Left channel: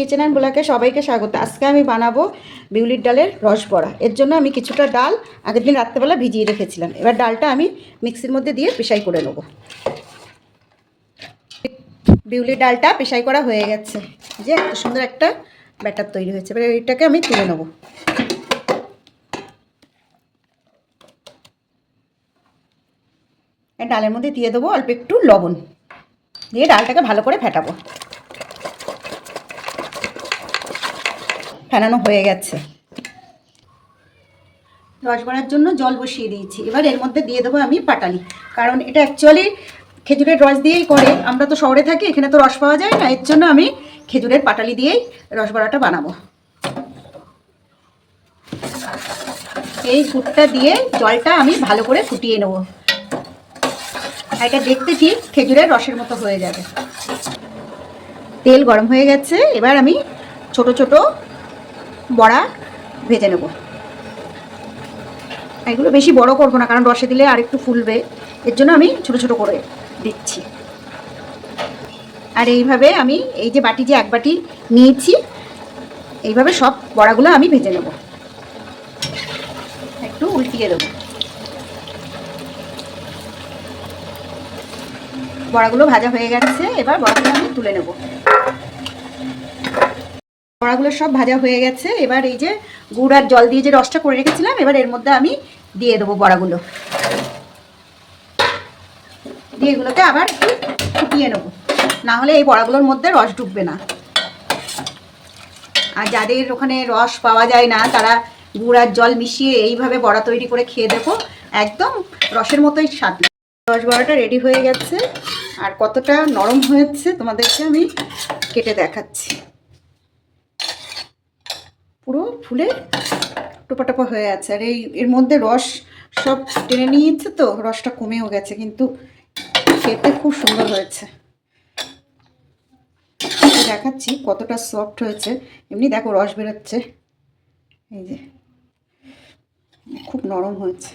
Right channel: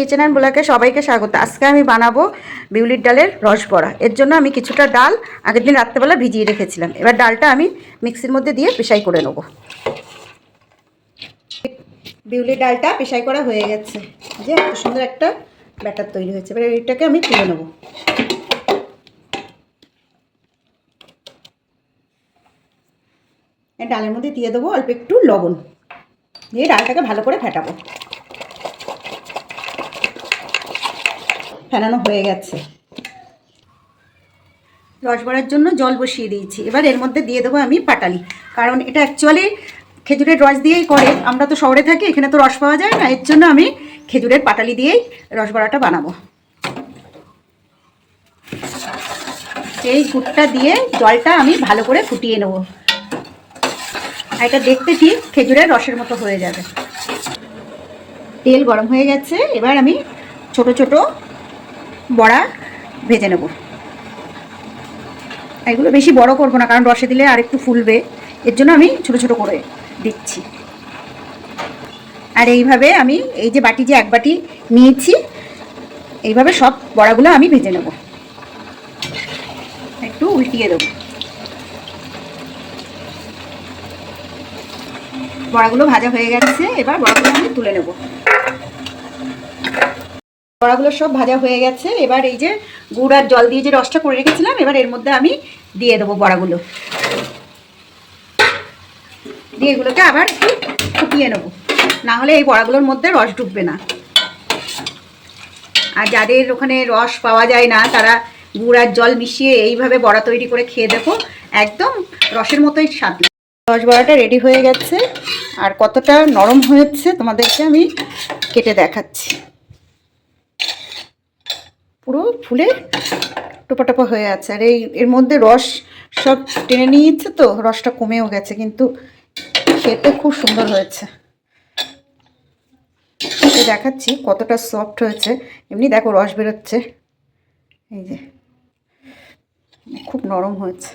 Kitchen and ব্লগে সবাইকে স্বাগত। আজকে আমি বানাবো বিউলির ডালের রস বড়া। এর জন্য আমি কিছুটা ডাল আগের দিন রাত্রেবেলা ভিজিয়ে রেখেছিলাম। এবার ডালটা আমি মিক্সির মধ্যে দিয়ে পেশাই করে নেব। বিউলির ডালটা পেশাই করা হয়ে গেছে, যে এত সুন্দর একটা ব্যাটার তৈরি হয়েছে। এবার এইটাকে আমি তুলে নেব। ডালের মধ্যে দিয়ে দেবো অল্প একটু লবণ, দিয়ে ডালটাকে ভালো করে ফেটাবো। ফেটানো হয়ে গেছে। রস বড়ার জন্য জল বসিয়ে দিয়েছি। এবার এর মধ্যে দিয়ে দেবো আমি পাটালি, কারণ এটা অ্যাকচুয়ালি খেজুরের রস দিয়েই করে। আমরা তো শহরে থাকি, এখানে তো রস পাওয়া যায় না, এর জন্য আমি খেজুরের পাটালি দিয়েই রস বড়াটা বানাবো। এই গুড়টা দিয়ে জলটা আমি ভালো করে ফুটিয়ে নেব। এটা দেখতে ঠিক খেজুরের রসের মতো হয়ে যাবে। তেল গরম হয়ে গেছে, এবার আমি ছোট ছোট বড়া ভেজে নেব। এগুলো বেশি বড় করবো না, কারণ রসে দিলে আর একটু ফুলবে, এর জন্য আমি ছোট ছোট করে দিচ্ছি। আর এইভাবে আমি এই যে বাটি, যে এক বাটি নিয়েছি, এইভাবে সব বড়াগুলো আমি ভেজে নেব। একটু উল্টিয়ে দেবো। বড়াগুলো ভাজা হয়ে গেছে, এবার বড়াগুলো আমি তুলে নেব। বড়াগুলো সব ভাজা হয়ে গেছে। এবার এই যে গুড় আর জল দিয়ে যে রসটা করে রেখেছিলাম, এবার এর মধ্যে আমি দিয়ে দেবো বড়াগুলো। দিয়ে এগুলোকে আবার একটু ফুটিয়ে নেব, না হলে এই বড়াগুলোর মধ্যে রস ঢুকবে না। আর যাদের ওখানে রস পাওয়া যায় না, তারা গুড় আর জল মিশিয়ে এইভাবে বড়া তৈরি করে খেয়ে দেখো, একদম রসের মতোই স্বাদ। রস বড়াটা রেডি হয়ে গেছে, আর কতটা নরম হয়েছে তোমাদেরকে আমি কেটে দেখাচ্ছি। পুরো ফুলে টোপা টোপা হয়ে আছে, আর এর মধ্যে রস সব টেনে নিয়েছে, তো রসটা কমেও গেছে, কিন্তু খেতে খুব সুন্দর হয়েছে। দেখাচ্ছি কতটা সফট হয়েছে। এমনি দেখো রস বেরোচ্ছে, এই যে খুব নরম হয়েছে।